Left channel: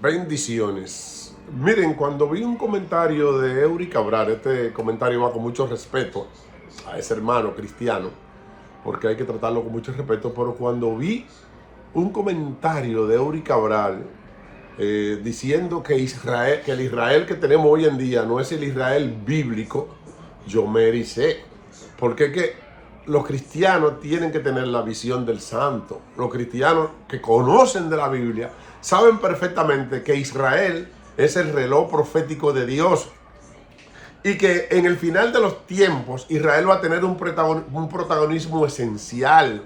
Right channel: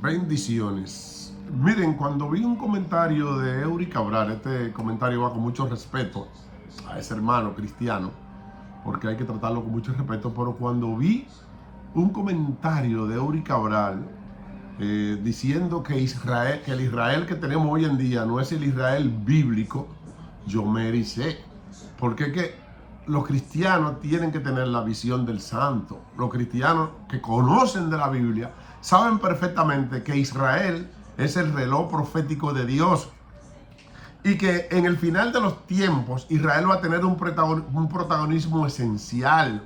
Bendiciones. Miren, cuando vi un comentario de Eury Cabral, este comentario va con mucho respeto a ese hermano cristiano, porque hay que tratarlo con mucho respeto, pero cuando vi un comentario de Eury Cabral diciendo que Israel, que el Israel que tenemos hoy en día no es el Israel bíblico, yo me ericé, porque es que los cristianos tienen que tener la visión del santo. Los cristianos que conocen de la Biblia saben perfectamente que Israel es el reloj profético de Dios y que en el final de los tiempos Israel va a tener un protagonismo esencial.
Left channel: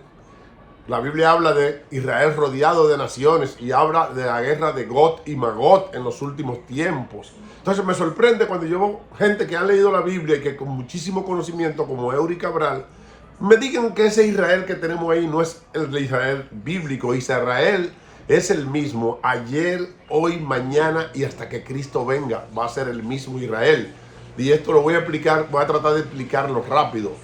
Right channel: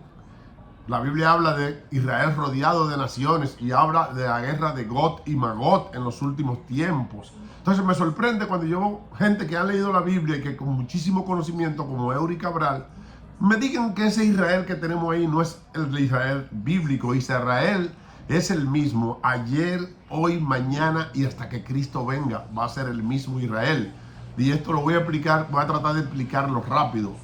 La Biblia habla de Israel rodeado de naciones y habla de la guerra de Gog y Magog en los últimos tiempos. Entonces me sorprende cuando yo veo gente que ha leído la Biblia y que con muchísimo conocimiento, como Eury Cabral, me digan que ese Israel que tenemos ahí no es el de Israel bíblico. Israel es el mismo ayer, hoy, mañana y hasta que Cristo venga. Va a ser el mismo Israel. Y esto lo voy a explicar, voy a tratar de explicarlo rápido.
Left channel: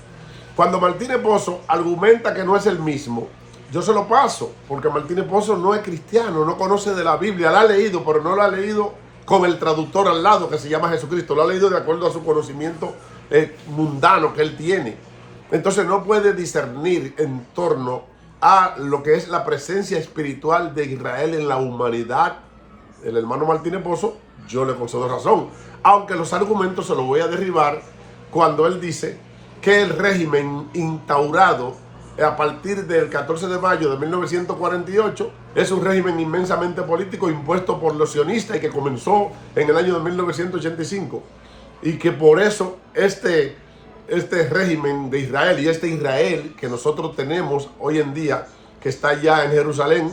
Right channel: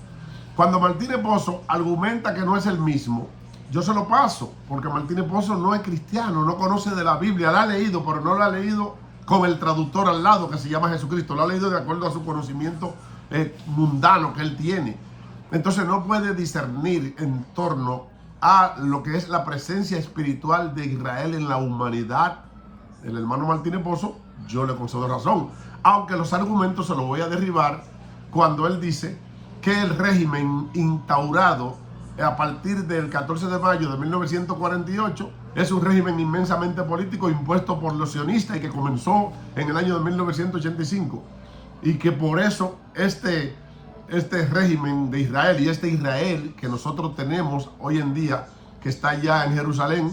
Cuando Martínez Pozo argumenta que no es el mismo, yo se lo paso, porque Martínez Pozo no es cristiano, no conoce de la Biblia, la ha leído, pero no la ha leído con el traductor al lado que se llama Jesucristo, lo ha leído de acuerdo a su conocimiento mundano que él tiene. Entonces no puede discernir en torno a lo que es la presencia espiritual de Israel en la humanidad. El hermano Martínez Pozo, yo le concedo razón, aunque los argumentos se los voy a derribar cuando él dice que el régimen instaurado a partir del 14 de mayo de 1948 es un régimen inmensamente político impuesto por los sionistas y que comenzó en el año de 1985 y que por eso este régimen de Israel y este Israel que nosotros tenemos hoy en día, que está ya en Jerusalén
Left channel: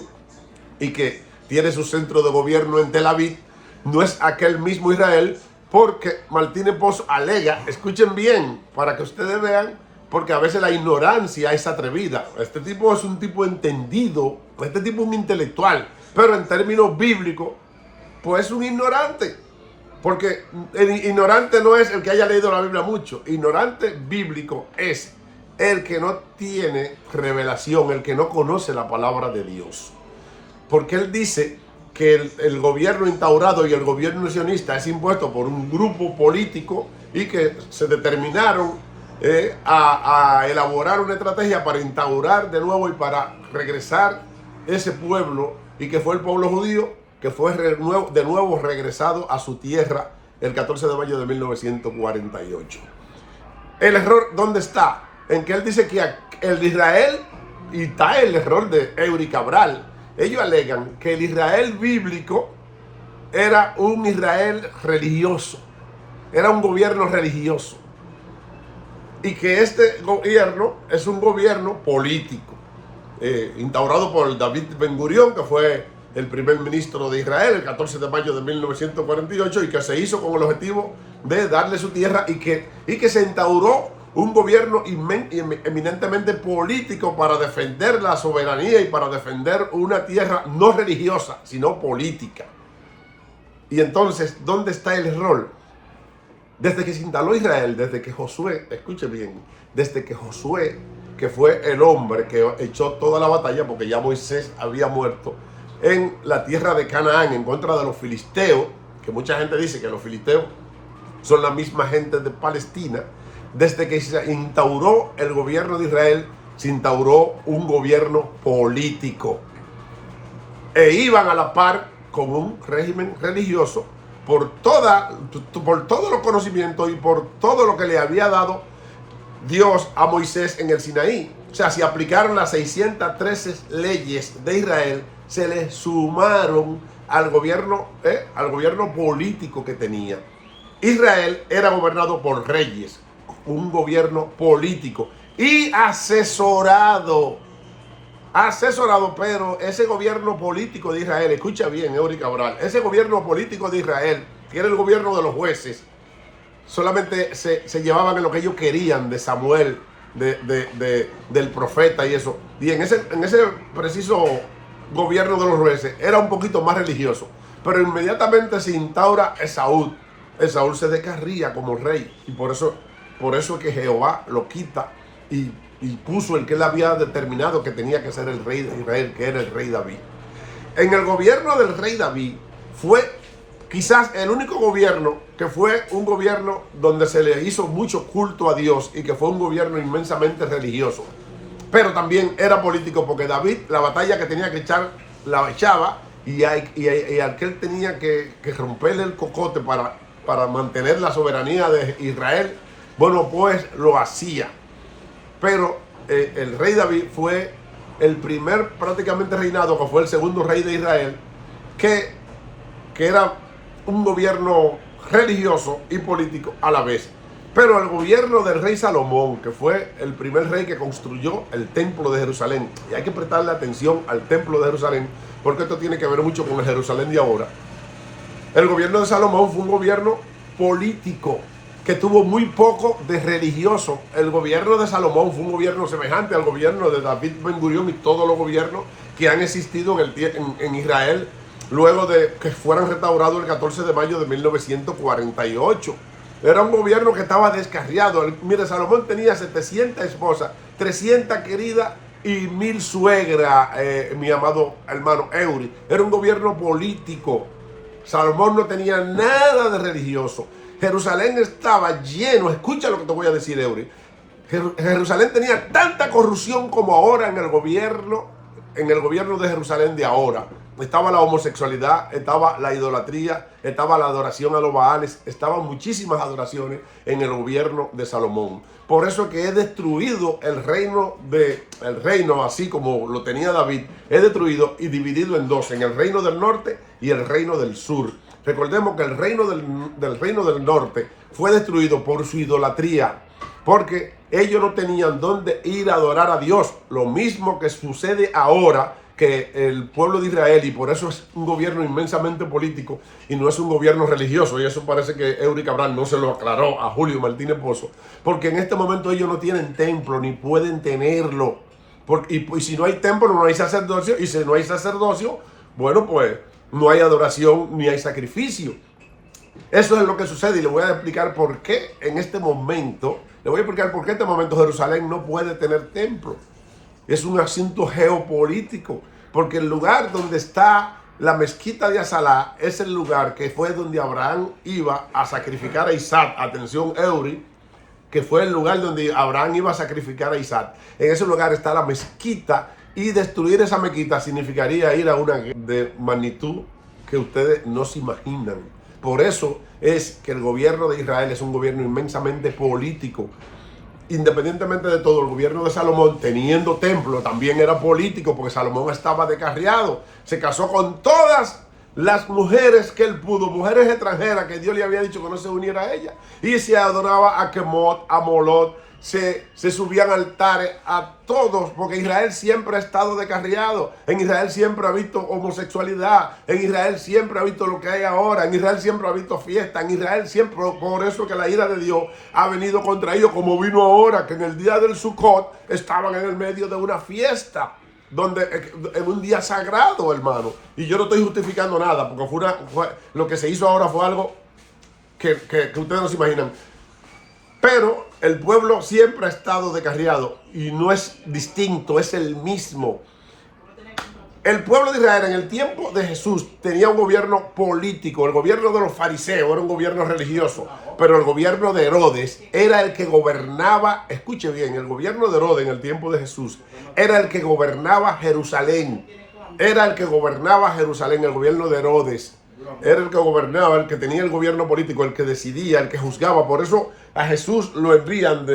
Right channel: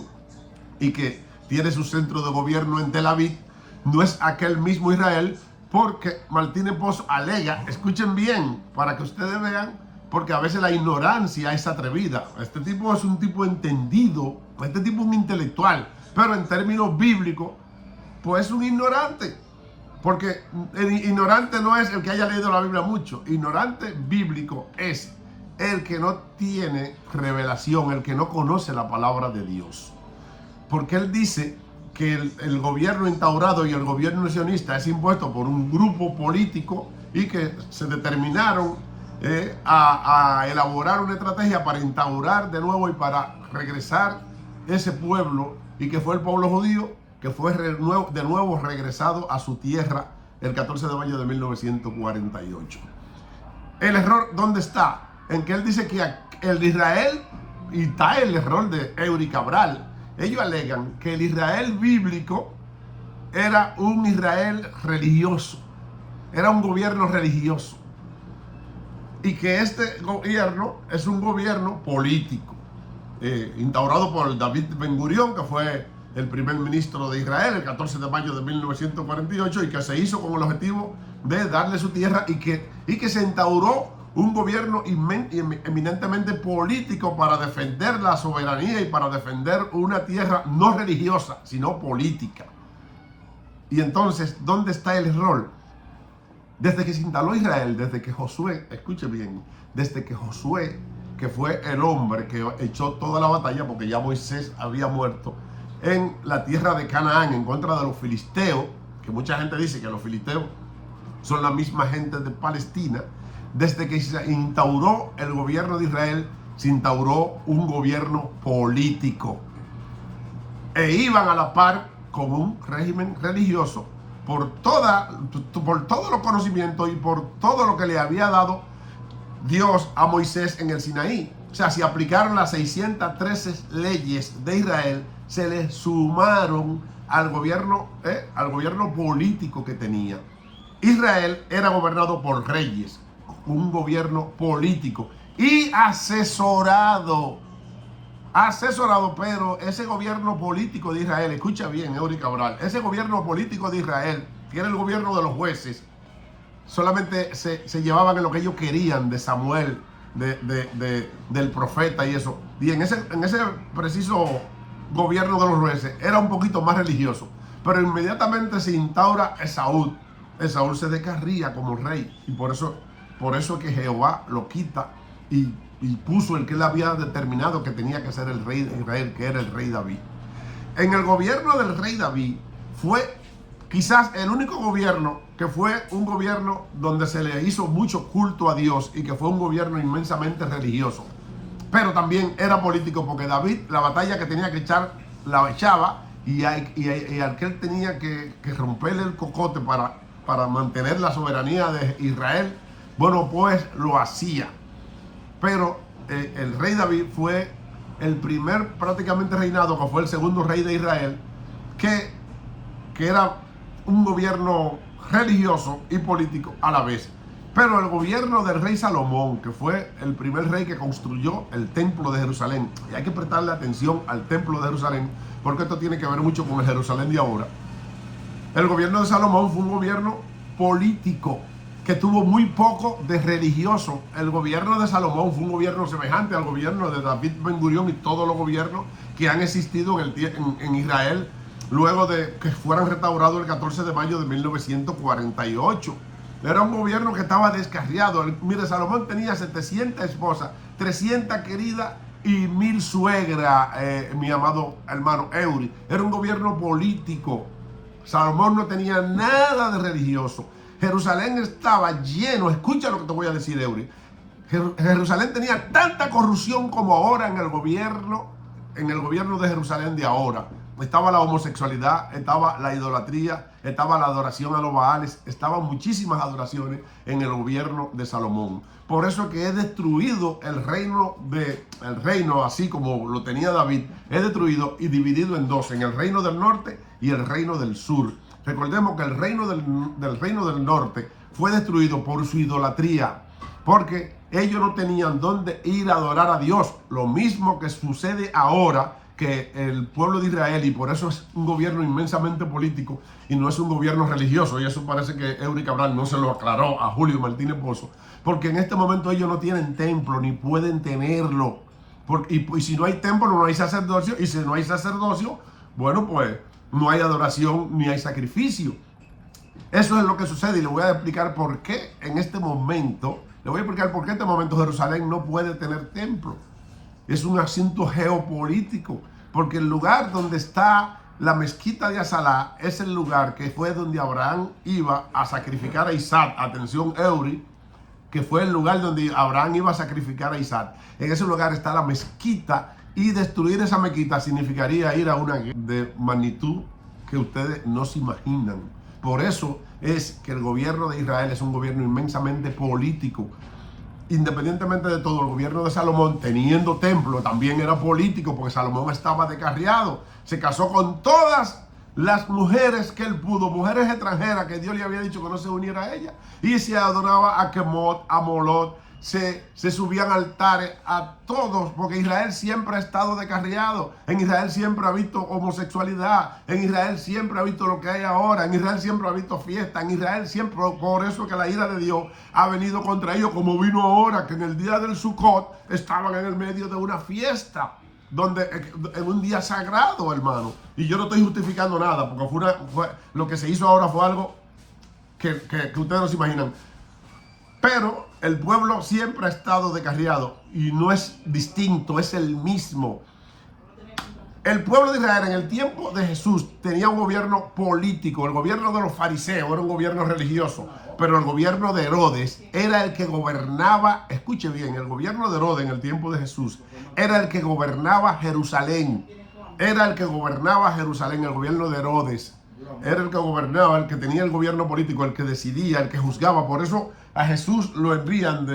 y que tiene su centro de gobierno en Tel Aviv, no es aquel mismo Israel, porque Martínez Pozo alega, escuchen bien para que ustedes vean, porque a veces la ignorancia es atrevida. Este tipo es un tipo entendido, este tipo es un intelectual, pero en términos bíblicos, pues es un ignorante. Porque el ignorante no es el que haya leído la Biblia mucho. Ignorante bíblico es el que no tiene revelación, el que no conoce la palabra de Dios. Porque él dice que el gobierno instaurado y el gobierno sionista es impuesto por un grupo político y que se determinaron a elaborar una estrategia para instaurar de nuevo y para regresar ese pueblo, y que fue el pueblo judío, que fue de nuevo regresado a su tierra el 14 de mayo de 1948. ¿El error dónde está? En que él dice que el Israel, y está el error de Eury Cabral, ellos alegan que el Israel bíblico era un Israel religioso, era un gobierno religioso, y que este gobierno es un gobierno político, instaurado por David Ben Gurión, que fue el primer ministro de Israel el 14 de mayo de 1948 y que se hizo con el objetivo de darle su tierra y que se instauró un gobierno eminentemente político para defender la soberanía y para defender una tierra no religiosa, sino política. Y entonces, ¿dónde está el error? Desde que se instaló Israel, desde que Josué, escuche bien, desde que Josué, que fue el hombre que echó toda la batalla, porque ya Moisés había muerto, en la tierra de Canaán en contra de los filisteos, que mucha gente dice que los filisteos son la misma gente de Palestina. Desde que se instauró el gobierno de Israel, se instauró un gobierno político e iban a la par con un régimen religioso por todos los conocimientos y por todo lo que le había dado Dios a Moisés en el Sinaí. O sea, si aplicaron las 613 leyes de Israel, se le sumaron al gobierno político que tenía. Israel era gobernado por reyes, un gobierno político y asesorado, pero ese gobierno político de Israel, escucha bien, Eury Cabral, ese gobierno político de Israel, que era el gobierno de los jueces, solamente se llevaban en lo que ellos querían de Samuel, del profeta y eso. Y en ese preciso gobierno de los jueces era un poquito más religioso, pero inmediatamente se instaura Esaú se descarría como rey, y por eso que Jehová lo quita y puso el que él había determinado que tenía que ser el rey de Israel, que era el rey David. En el gobierno del rey David fue quizás el único gobierno que fue un gobierno donde se le hizo mucho culto a Dios y que fue un gobierno inmensamente religioso. Pero también era político porque David, la batalla que tenía que echar, la echaba y aquel tenía que romperle el cocote para mantener la soberanía de Israel. Bueno, pues lo hacía. Pero el rey David fue el primer prácticamente reinado, que fue el segundo rey de Israel, que era un gobierno religioso y político a la vez. Pero el gobierno del rey Salomón, que fue el primer rey que construyó el templo de Jerusalén, y hay que prestarle atención al templo de Jerusalén, porque esto tiene que ver mucho con el Jerusalén de ahora. El gobierno de Salomón fue un gobierno político que tuvo muy poco de religioso. El gobierno de Salomón fue un gobierno semejante al gobierno de David Ben Gurión y todos los gobiernos que han existido en Israel luego de que fueran restaurados el 14 de mayo de 1948. Era un gobierno que estaba descarriado. Mire, Salomón tenía 700 esposas, 300 queridas y 1000 suegras, mi amado hermano Eury. Era un gobierno político. Salomón no tenía nada de religioso. Jerusalén estaba lleno, escucha lo que te voy a decir, Eury. Jerusalén tenía tanta corrupción como ahora en el gobierno de Jerusalén de ahora. Estaba la homosexualidad, estaba la idolatría, estaba la adoración a los Baales, estaban muchísimas adoraciones en el gobierno de Salomón. Por eso que he destruido el reino así como lo tenía David, he destruido y dividido en dos, en el reino del norte y el reino del sur. Recordemos que el reino del norte fue destruido por su idolatría, porque ellos no tenían dónde ir a adorar a Dios. Lo mismo que sucede ahora, que el pueblo de Israel, y por eso es un gobierno inmensamente político y no es un gobierno religioso, y eso parece que Eury Cabral no se lo aclaró a Julio Martínez Pozo, porque en este momento ellos no tienen templo ni pueden tenerlo, y si no hay templo no hay sacerdocio, y si no hay sacerdocio, bueno, pues no hay adoración ni hay sacrificio. Eso es lo que sucede, y le voy a explicar por qué en este momento, Jerusalén no puede tener templo. Es un asunto geopolítico, porque el lugar donde está la mezquita de Azalá es el lugar que fue donde Abraham iba a sacrificar a Isaac. Atención, Eury, que fue el lugar donde Abraham iba a sacrificar a Isaac. En ese lugar está la mezquita, y destruir esa mezquita significaría ir a una guerra de magnitud que ustedes no se imaginan. Por eso es que el gobierno de Israel es un gobierno inmensamente político. Independientemente de todo, el gobierno de Salomón, teniendo templo, también era político, porque Salomón estaba descarriado. Se casó con todas las mujeres que él pudo, mujeres extranjeras que Dios le había dicho que no se uniera a ella. Y se adoraba a Kemot, a Molot, se subían altares a todos, porque Israel siempre ha estado descarriado. En Israel siempre ha visto homosexualidad, en Israel siempre ha visto lo que hay ahora, en Israel siempre ha visto fiesta, en Israel siempre, por eso que la ira de Dios ha venido contra ellos, como vino ahora, que en el día del Sukkot estaban en el medio de una fiesta, en un día sagrado, hermano. Y yo no estoy justificando nada, porque lo que se hizo ahora fue algo que ustedes no se imaginan. Pero el pueblo siempre ha estado descarriado y no es distinto, es el mismo. El pueblo de Israel en el tiempo de Jesús tenía un gobierno político. El gobierno de los fariseos era un gobierno religioso, pero el gobierno de Herodes era el que gobernaba. Escuche bien, el gobierno de Herodes en el tiempo de Jesús era el que gobernaba Jerusalén. Era el que gobernaba Jerusalén, el gobierno de Herodes. Era el que gobernaba, el que tenía el gobierno político, el que decidía, el que juzgaba. Por eso a Jesús lo envían,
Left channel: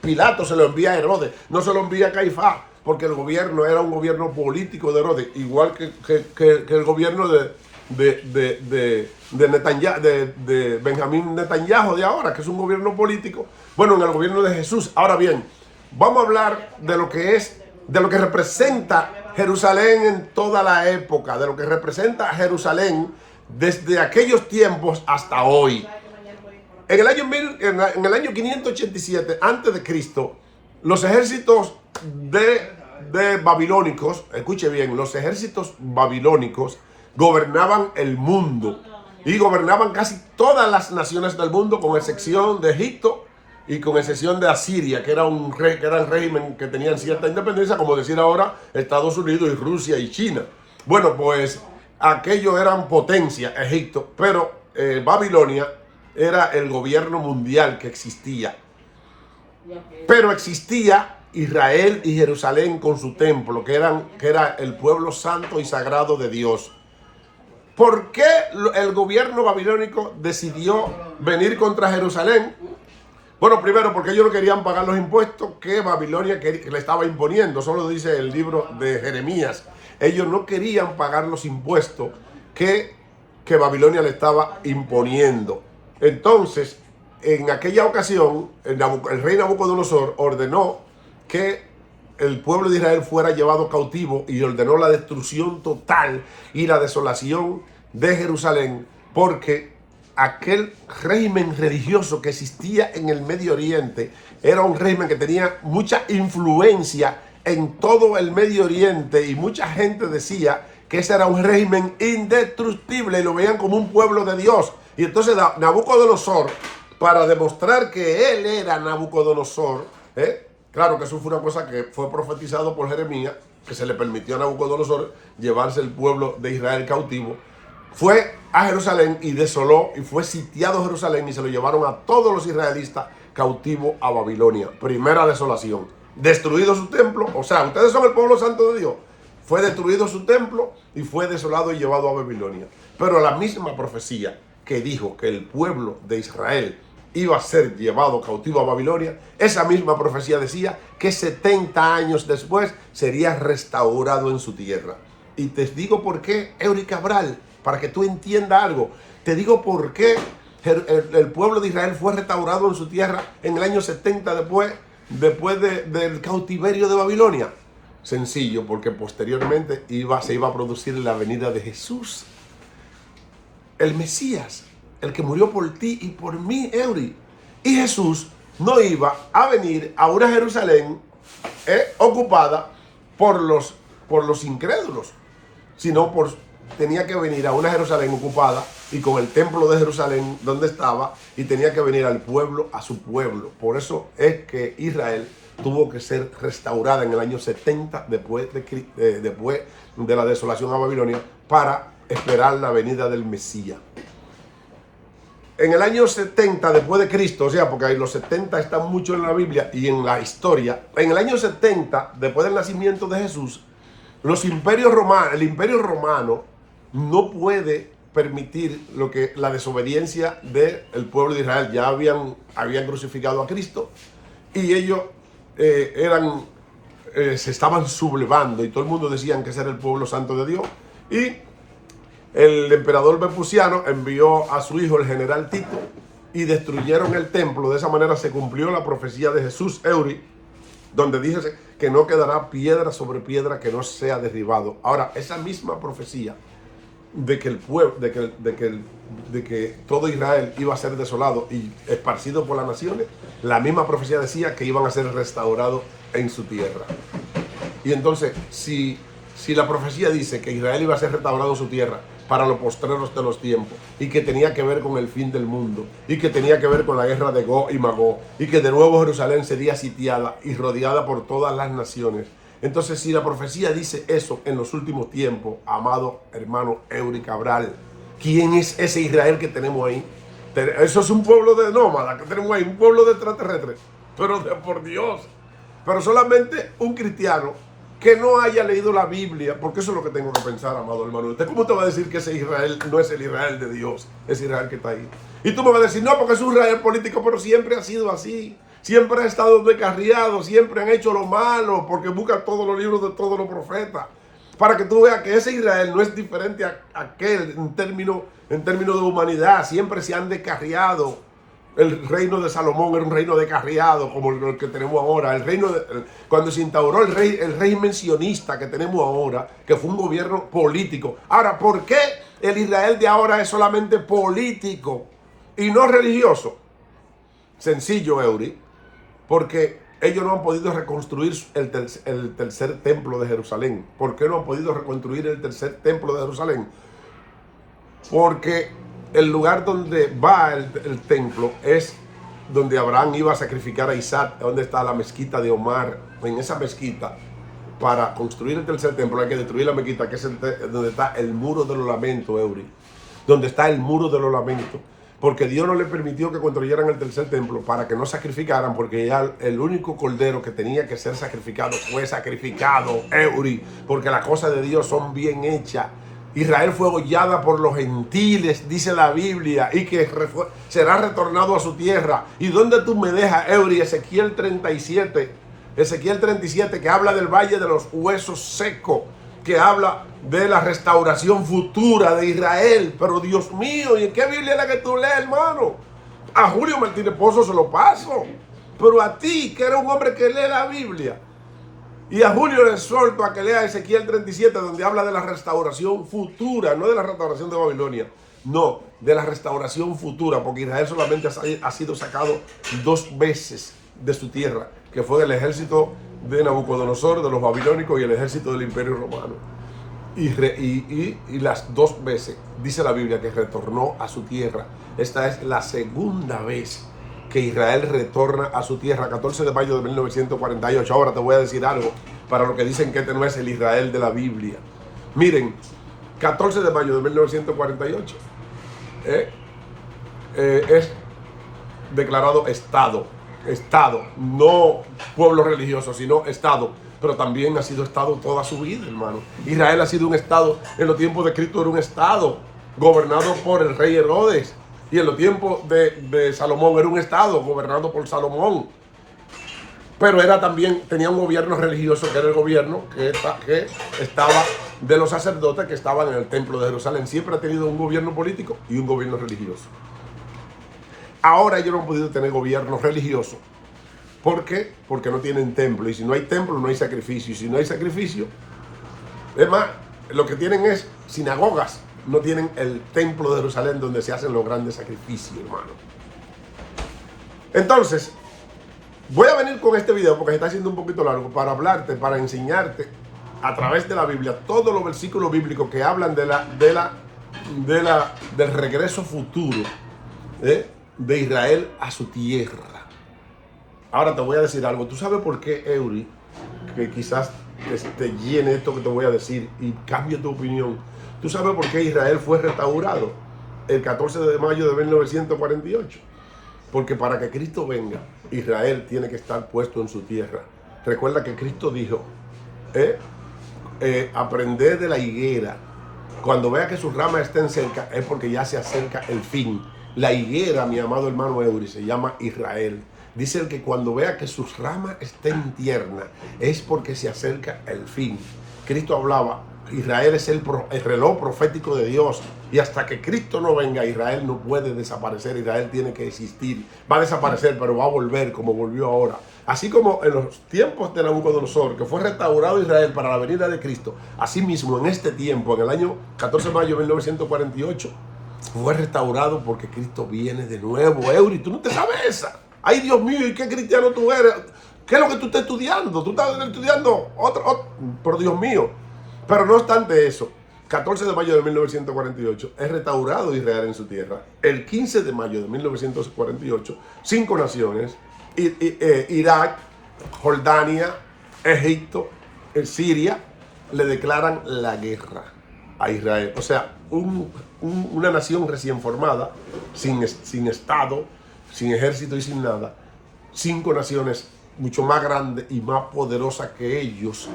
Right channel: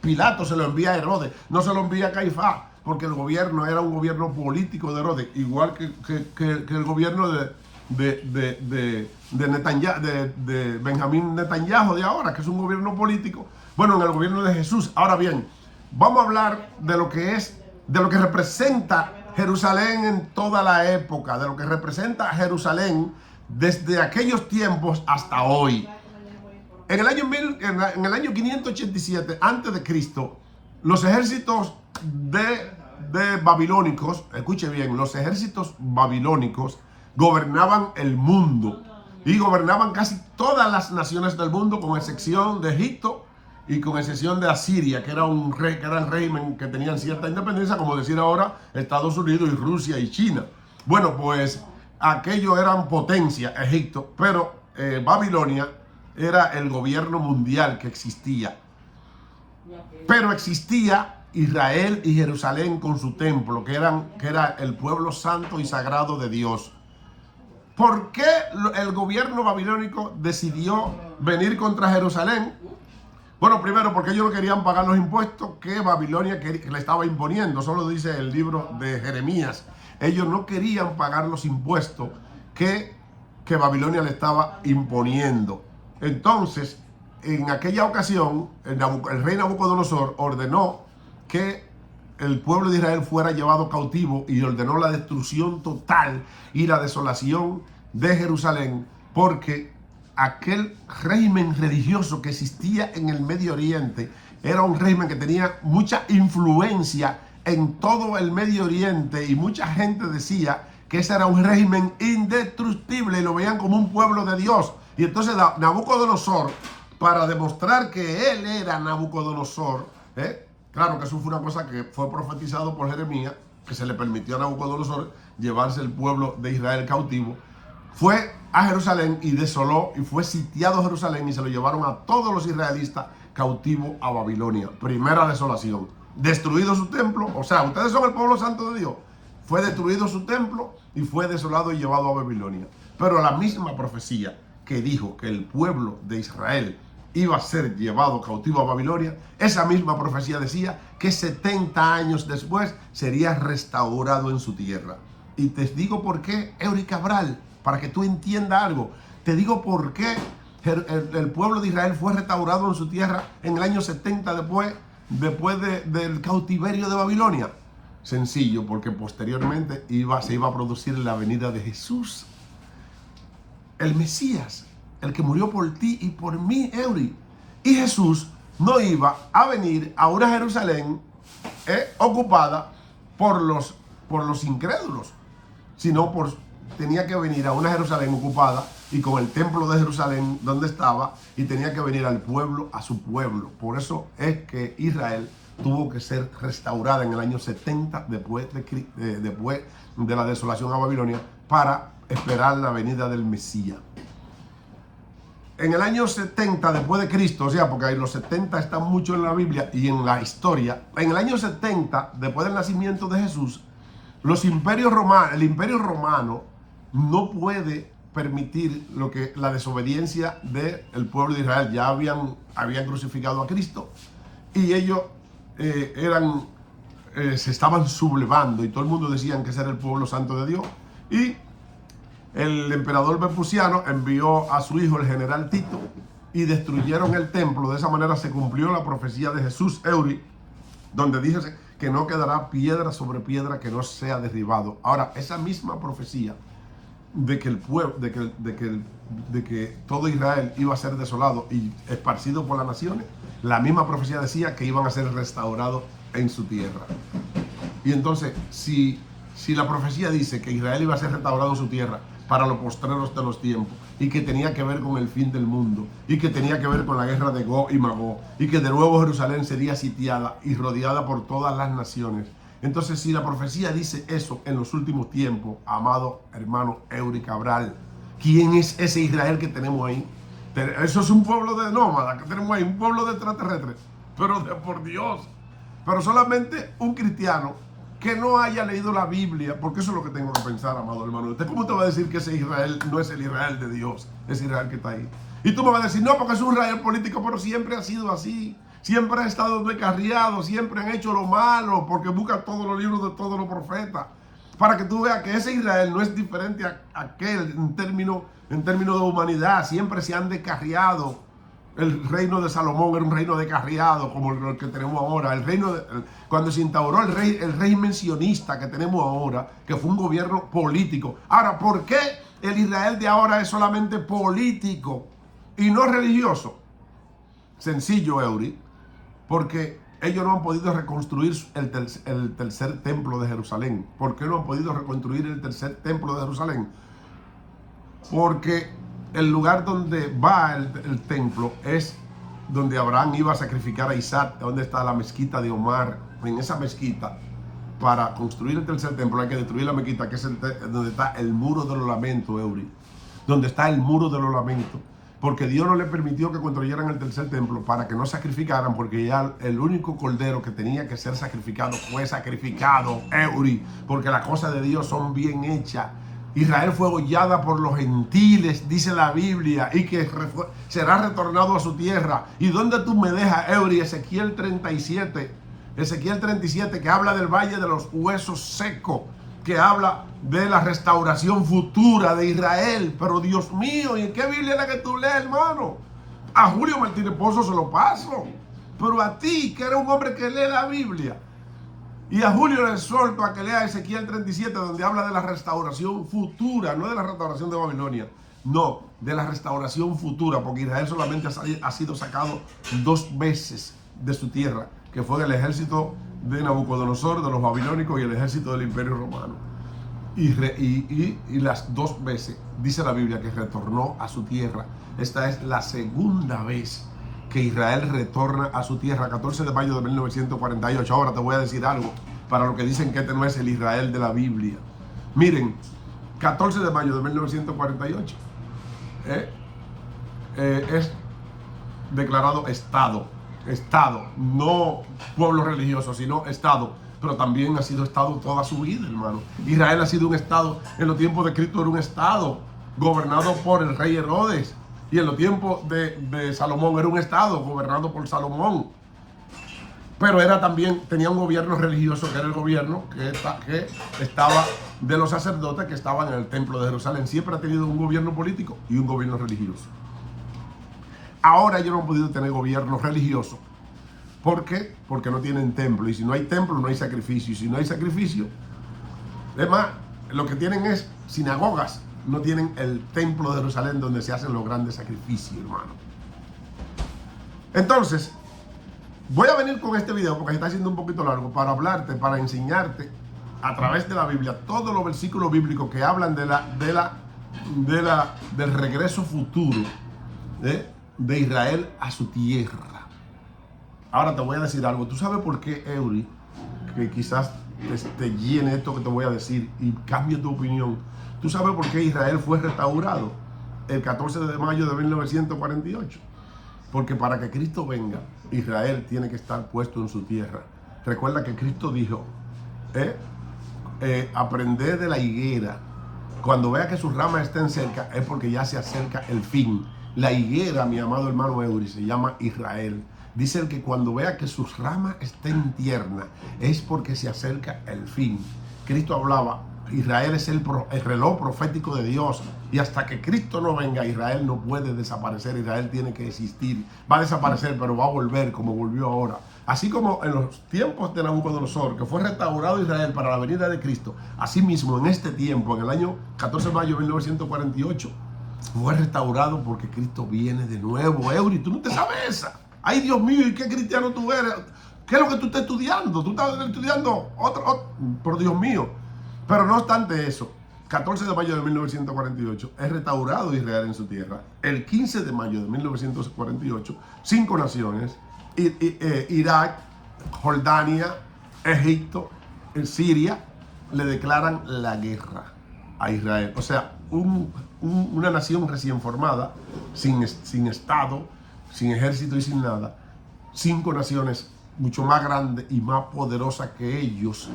Pilato se lo envía a Herodes, no se lo envía a Caifás, porque el gobierno era un gobierno político de Herodes, igual que el gobierno de Benjamín Netanyahu de ahora, que es un gobierno político. Bueno, en el gobierno de Jesús. Ahora bien, vamos a hablar de lo que representa Jerusalén en toda la época, de lo que representa Jerusalén desde aquellos tiempos hasta hoy. En el año 587 antes de Cristo, los ejércitos de babilónicos, escuche bien, los ejércitos babilónicos gobernaban el mundo y gobernaban casi todas las naciones del mundo, con excepción de Egipto y con excepción de Asiria, que era un régimen que tenían cierta independencia, como decir ahora Estados Unidos y Rusia y China. Bueno, pues aquello eran potencia, Egipto, pero Babilonia era el gobierno mundial que existía. Pero existía Israel y Jerusalén con su templo, que era el pueblo santo y sagrado de Dios. ¿Por qué el gobierno babilónico decidió venir contra Jerusalén? Bueno, primero porque ellos no querían pagar los impuestos que Babilonia le estaba imponiendo. Solo dice el libro de Jeremías. Ellos no querían pagar los impuestos que Babilonia le estaba imponiendo. Entonces, en aquella ocasión, el rey Nabucodonosor ordenó que el pueblo de Israel fuera llevado cautivo y ordenó la destrucción total y la desolación de Jerusalén, porque aquel régimen religioso que existía en el Medio Oriente era un régimen que tenía mucha influencia en todo el Medio Oriente, y mucha gente decía que ese era un régimen indestructible y lo veían como un pueblo de Dios. Y entonces Nabucodonosor, para demostrar que él era Nabucodonosor, claro que eso fue una cosa que fue profetizado por Jeremías, que se le permitió a Nabucodonosor llevarse el pueblo de Israel cautivo, fue a Jerusalén y desoló y fue sitiado Jerusalén y se lo llevaron a todos los israelitas cautivos a Babilonia. Primera desolación. Destruido su templo, o sea, ustedes son el pueblo santo de Dios. Fue destruido su templo y fue desolado y llevado a Babilonia. Pero la misma profecía que dijo que el pueblo de Israel iba a ser llevado cautivo a Babilonia, esa misma profecía decía que 70 años después sería restaurado en su tierra. Y te digo por qué, Eury Cabral, para que tú entiendas algo. Te digo por qué el pueblo de Israel fue restaurado en su tierra en el año 70 después del cautiverio de Babilonia. Sencillo, porque posteriormente se iba a producir la venida de Jesús, el Mesías, el que murió por ti y por mí, Eury. Y Jesús no iba a venir a una Jerusalén ocupada por los incrédulos, sino tenía que venir a una Jerusalén ocupada y con el templo de Jerusalén donde estaba, y tenía que venir al pueblo, a su pueblo. Por eso es que Israel tuvo que ser restaurada en el año 70 después de la desolación a Babilonia, para esperar la venida del Mesías. En el año 70 después de Cristo, o sea, porque los 70 están mucho en la Biblia y en la historia. En el año 70 después del nacimiento de Jesús, el imperio romano no puede permitir la desobediencia del pueblo de Israel. Ya habían crucificado a Cristo y ellos se estaban sublevando, y todo el mundo decían que ese era el pueblo santo de Dios. Y el emperador Vespuciano envió a su hijo, el general Tito, y destruyeron el templo. De esa manera se cumplió la profecía de Jesús, Eury, donde dice que no quedará piedra sobre piedra que no sea derribado. Ahora, esa misma profecía de que el pueblo, de que todo Israel iba a ser desolado y esparcido por las naciones, la misma profecía decía que iban a ser restaurados en su tierra. Y entonces, si la profecía dice que Israel iba a ser restaurado en su tierra para los postreros de los tiempos, y que tenía que ver con el fin del mundo, y que tenía que ver con la guerra de Gog y Magog, y que de nuevo Jerusalén sería sitiada y rodeada por todas las naciones, entonces, si la profecía dice eso en los últimos tiempos, amado hermano Eury Cabral, ¿quién es ese Israel que tenemos ahí? Eso es un pueblo de nómadas que tenemos ahí, un pueblo de extraterrestres, pero por Dios. Pero solamente un cristiano que no haya leído la Biblia, porque eso es lo que tengo que pensar, amado hermano. ¿Usted cómo te va a decir que ese Israel no es el Israel de Dios, ese Israel que está ahí? Y tú me vas a decir, no, porque es un Israel político, pero siempre ha sido así. Siempre han estado descarriados, siempre han hecho lo malo, porque buscan todos los libros de todos los profetas. Para que tú veas que ese Israel no es diferente a aquel en términos de humanidad. Siempre se han descarriado. El reino de Salomón era un reino descarriado como el que tenemos ahora. Cuando se instauró el régimen sionista que tenemos ahora, que fue un gobierno político. Ahora, ¿por qué el Israel de ahora es solamente político y no religioso? Sencillo, Eury. Porque ellos no han podido reconstruir el tercer templo de Jerusalén. ¿Por qué no han podido reconstruir el tercer templo de Jerusalén? Porque el lugar donde va el templo es donde Abraham iba a sacrificar a Isaac, donde está la mezquita de Omar. En esa mezquita para construir el tercer templo hay que destruir la mezquita, que es donde está el muro de los lamentos, Eury. Donde está el muro de los lamentos. Porque Dios no le permitió que construyeran el tercer templo para que no sacrificaran, porque ya el único cordero que tenía que ser sacrificado fue sacrificado, Eury, porque las cosas de Dios son bien hechas. Israel fue hollada por los gentiles, dice la Biblia, y que será retornado a su tierra. ¿Y dónde tú me dejas, Eury? Ezequiel 37, que habla del valle de los huesos secos, que habla de la restauración futura de Israel. Pero Dios mío, ¿y en qué Biblia es la que tú lees, hermano? A Julio Martínez Pozo se lo paso, pero a ti, que eres un hombre que lee la Biblia, y a Julio le suelto a que lea Ezequiel 37, donde habla de la restauración futura, no de la restauración de Babilonia, no, de la restauración futura, porque Israel solamente ha sido sacado 2 veces de su tierra, que fue del ejército de Nabucodonosor, de los babilónicos, y el ejército del Imperio Romano. Y las 2 veces, dice la Biblia, que retornó a su tierra. Esta es la segunda vez que Israel retorna a su tierra, 14 de mayo de 1948. Ahora te voy a decir algo para los que dicen que este no es el Israel de la Biblia. Miren, 14 de mayo de 1948 es declarado Estado, no pueblo religioso, sino Estado. Pero también ha sido Estado toda su vida, hermano. Israel ha sido un Estado, en los tiempos de Cristo era un Estado gobernado por el rey Herodes. Y en los tiempos de Salomón era un Estado gobernado por Salomón. Pero tenía un gobierno religioso, que era el gobierno que estaba de los sacerdotes que estaban en el templo de Jerusalén. Siempre ha tenido un gobierno político y un gobierno religioso. Ahora ellos no han podido tener gobierno religioso. ¿Por qué? Porque no tienen templo. Y si no hay templo, no hay sacrificio. Y si no hay sacrificio, es más, lo que tienen es sinagogas. No tienen el templo de Jerusalén donde se hacen los grandes sacrificios, hermano. Entonces, voy a venir con este video porque se está haciendo un poquito largo para hablarte, para enseñarte a través de la Biblia todos los versículos bíblicos que hablan del regreso futuro de Israel a su tierra. Ahora te voy a decir algo. ¿Tú sabes por qué, Eury, que quizás te llene esto que te voy a decir y cambie tu opinión? ¿Tú sabes por qué Israel fue restaurado el 14 de mayo de 1948? Porque para que Cristo venga, Israel tiene que estar puesto en su tierra. Recuerda que Cristo dijo, aprended de la higuera. Cuando vea que sus ramas estén cerca, es porque ya se acerca el fin. La higuera, mi amado hermano Eury, se llama Israel. Dice que cuando vea que sus ramas estén tiernas, es porque se acerca el fin. Cristo hablaba, Israel es el reloj profético de Dios. Y hasta que Cristo no venga, Israel no puede desaparecer. Israel tiene que existir. Va a desaparecer, pero va a volver como volvió ahora. Así como en los tiempos de Nabucodonosor, que fue restaurado Israel para la venida de Cristo, así mismo en este tiempo, en el año 14 de mayo de 1948, fue restaurado porque Cristo viene de nuevo. Eury, tú no te sabes esa. Ay, Dios mío, ¿y qué cristiano tú eres? ¿Qué es lo que tú estás estudiando? Tú estás estudiando otro, por Dios mío. Pero no obstante eso, 14 de mayo de 1948 es restaurado Israel en su tierra. El 15 de mayo de 1948, 5 naciones, Irak, Jordania, Egipto, Siria, le declaran la guerra a Israel. O sea, una nación recién formada, sin Estado, sin ejército y sin nada. 5 naciones mucho más grandes y más poderosas que ellos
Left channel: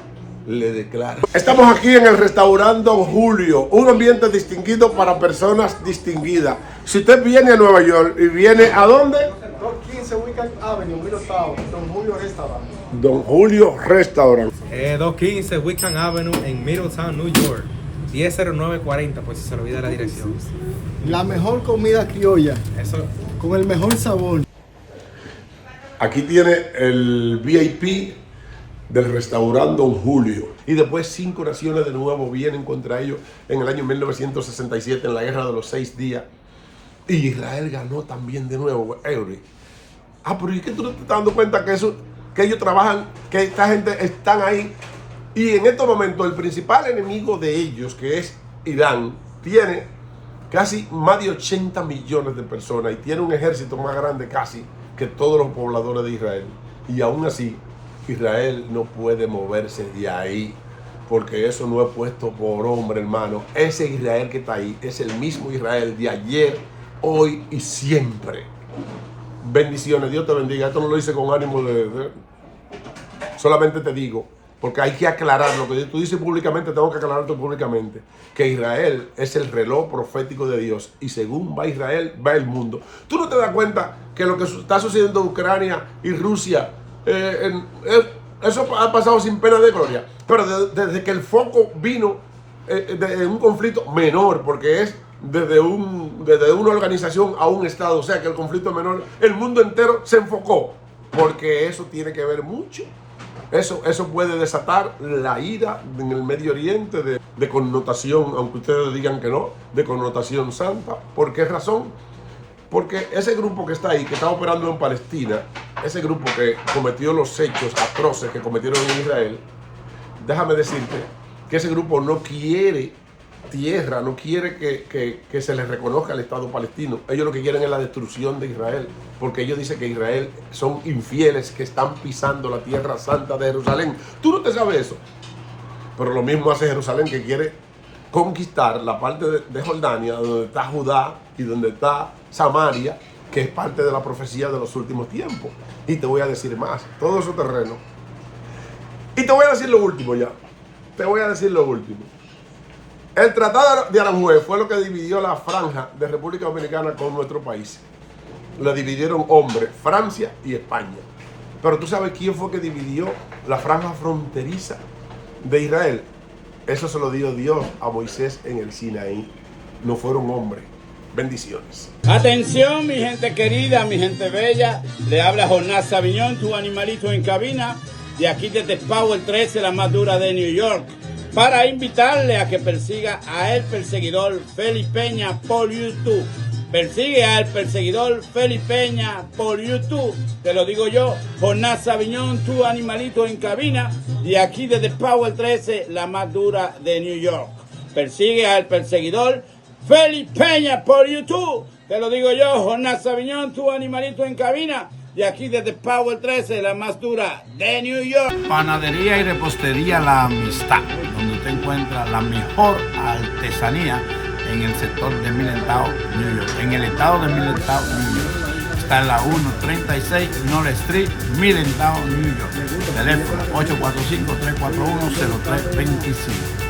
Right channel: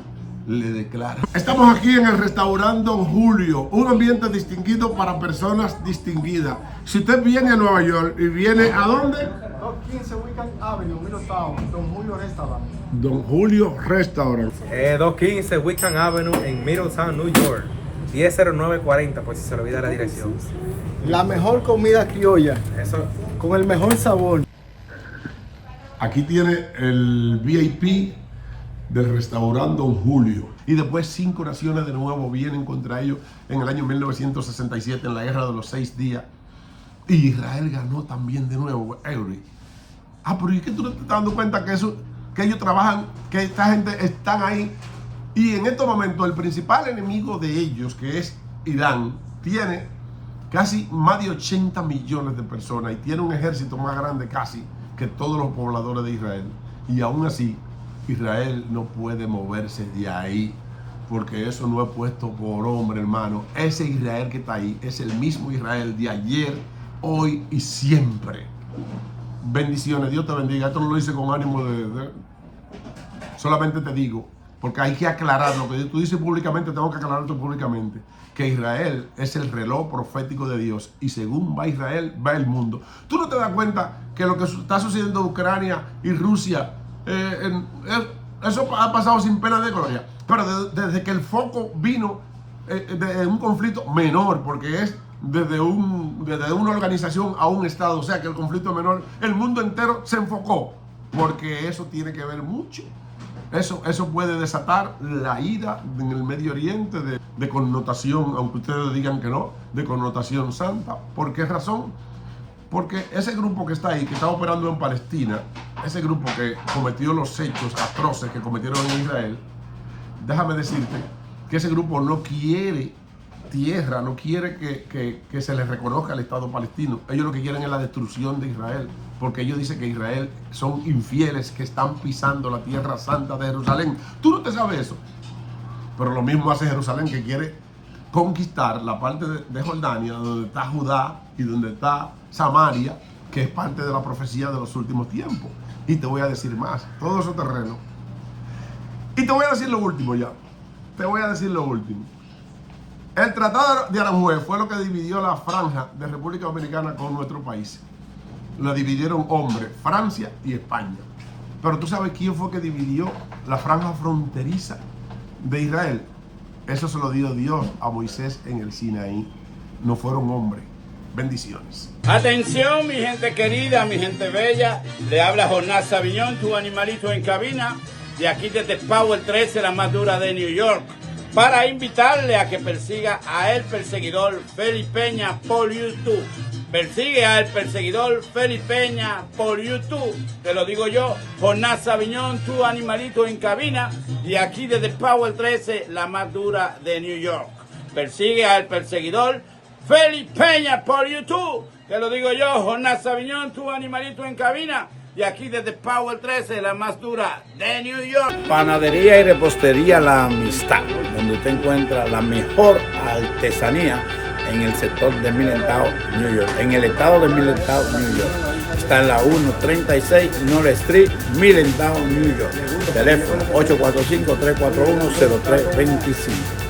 le declaran. Estamos aquí en el restaurante Don Julio, un ambiente distinguido para personas distinguidas. Si usted viene a Nueva York y viene ¿a dónde? 215 Wickham Avenue, Middletown, Don Julio Restaurant. Don Julio Restaurant. 215 Wickham Avenue en Middletown, New York. 100940, por si se le olvida la dirección. La mejor comida criolla, Eso. con el mejor sabor. Aquí tiene el VIP del restaurante Don Julio. Y después 5 naciones de nuevo vienen contra ellos en el año 1967 en la guerra de los 6 días. Y Israel ganó también de nuevo, Eury. Pero ¿y qué tú no te estás dando cuenta que ellos trabajan, que esta gente están ahí? Y en estos momentos el principal enemigo de ellos, que es Irán, tiene casi más de 80 millones de personas y tiene un ejército más grande casi que todos los pobladores de Israel. Y aún así, Israel no puede moverse de ahí, porque eso no es puesto por hombre, hermano. Ese Israel que está ahí es el mismo Israel de ayer, hoy y siempre. Bendiciones, Dios te bendiga. Esto no lo hice con ánimo solamente te digo, porque hay que aclarar lo que tú dices públicamente, tengo que aclararlo públicamente, que Israel es el reloj profético de Dios, y según va Israel, va el mundo. ¿Tú no te das cuenta que lo que está sucediendo en Ucrania y Rusia, eso ha pasado sin pena de gloria? Pero desde que el foco vino de un conflicto menor, porque es desde una organización a un estado, o sea que el conflicto menor, el mundo entero se enfocó, porque eso tiene que ver mucho. Eso puede desatar la ira en el Medio Oriente de connotación, aunque ustedes digan que no, de connotación santa. ¿Por qué razón? Porque ese grupo que está ahí, que está operando en Palestina, ese grupo que cometió los hechos atroces que cometieron en Israel, déjame decirte que ese grupo no quiere tierra, no quiere que se les reconozca el Estado palestino. Ellos lo que quieren es la destrucción de Israel, porque ellos dicen que Israel son infieles que están pisando la tierra santa de Jerusalén. Tú no te sabes eso, pero lo mismo hace Jerusalén, que quiere conquistar la parte de Jordania, donde está Judá y donde está Samaria, que es parte de la profecía de los últimos tiempos. Y te voy a decir más, todo ese terreno. Y te voy a decir lo último ya. Te voy a decir lo último. El Tratado de Aranjuez fue lo que dividió la franja de República Dominicana con nuestro país. La dividieron hombres, Francia y España. Pero tú sabes quién fue que dividió la franja fronteriza de Israel. Eso se lo dio Dios a Moisés en el Sinaí. No fueron hombres. Bendiciones. Atención, mi gente querida, mi gente bella. Le habla Jonás Saviñón, tu animalito en cabina. De aquí desde Power 13, la más dura de New York. Para invitarle a que persiga a el perseguidor Félix Peña por YouTube. Persigue al perseguidor Félix Peña por YouTube. Te lo digo yo, Jonás Saviñón, tu animalito en cabina. Y aquí desde Power 13, la más dura de New York. Persigue al perseguidor Félix Peña por YouTube. Te lo digo yo, Jonás Saviñón, tu animalito en cabina. Y aquí desde Power 13, la más dura de New York. Panadería y repostería La Amistad, donde usted encuentra la mejor artesanía en el sector de Middletown, New York, en el estado de Middletown, New York. Está en la 136 North Street, Middletown, New York. Teléfono 845-341-0325.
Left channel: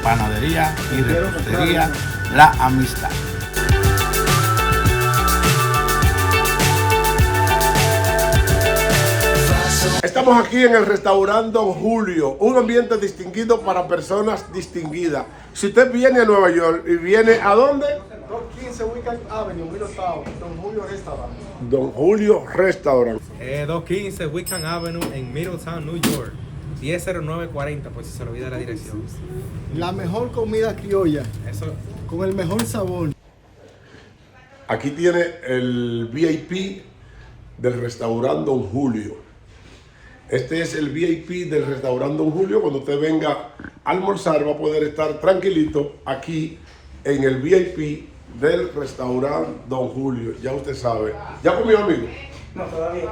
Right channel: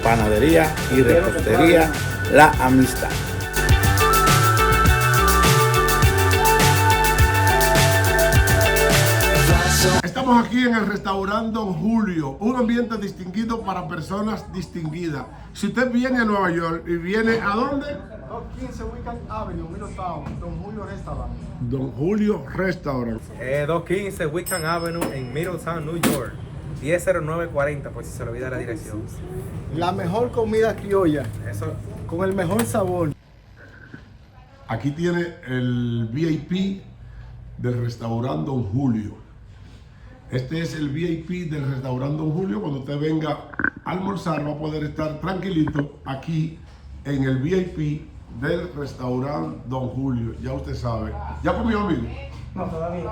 Panadería y repostería La Amistad. Estamos aquí en el restaurante Don Julio, un ambiente distinguido para personas distinguidas. Si usted viene a Nueva York y viene ¿a dónde? 215 Weekend Avenue, Middletown, Don Julio Restaurant. Don Julio Restaurant. 215 Wickham Avenue en Middletown, New York. 100940, por si se le olvida la dirección. La mejor comida criolla, Eso. con el mejor sabor. Aquí tiene el VIP del restaurante Don Julio. Este es el VIP del restaurante Don Julio. Cuando usted venga a almorzar va a poder estar tranquilito aquí en el VIP del restaurante Don Julio. Ya usted sabe. ¿Ya comió, amigo? No, todavía.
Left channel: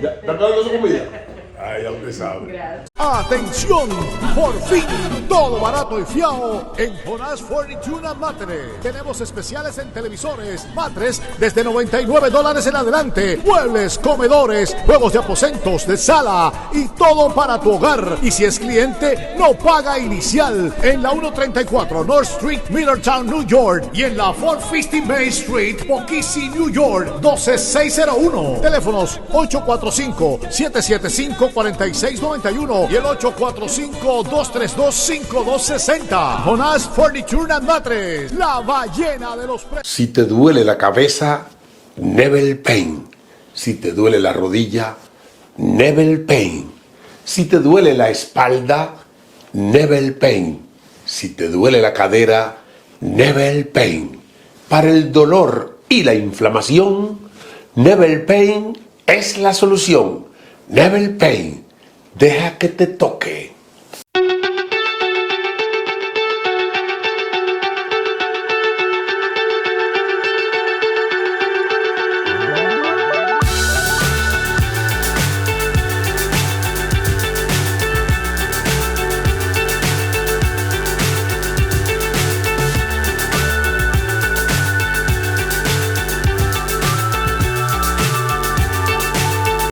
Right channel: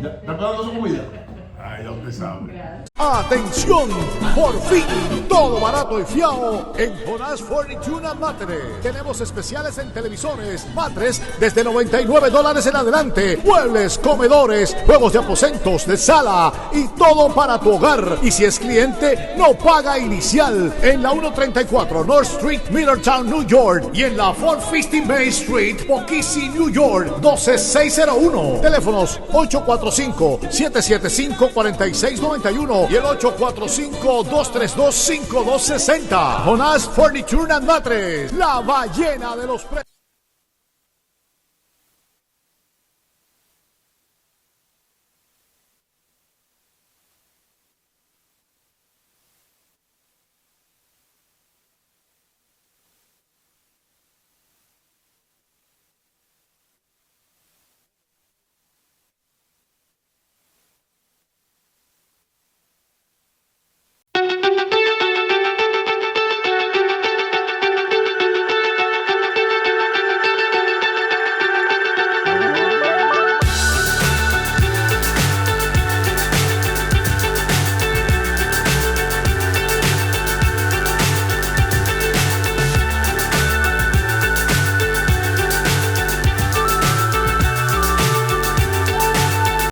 ¿Ya está esperando su comida? Ah, ya usted sabe. ¡Atención! Por fin, todo barato y fiao en Jonás Furniture and Mattress. Tenemos especiales en televisores, matres desde $99 en adelante, muebles, comedores, juegos de aposentos, de sala y todo para tu hogar. Y si es cliente, no paga inicial. En la 134 North Street, Middletown, New York. Y en la 450 Main Street, Poughkeepsie, New York, 12601. Teléfonos 845-775-4691 y el 845-232-5260. Jonás Furniture and Mattress, la ballena de los precios. Si te duele la cabeza, Nebel Pain. Si te duele la rodilla, Nebel Pain. Si te duele la espalda, Nebel Pain. Si te duele la cadera, Nebel Pain. Para el dolor y la inflamación, Nebel Pain es la solución. Nebel Pain. Deja que te toque.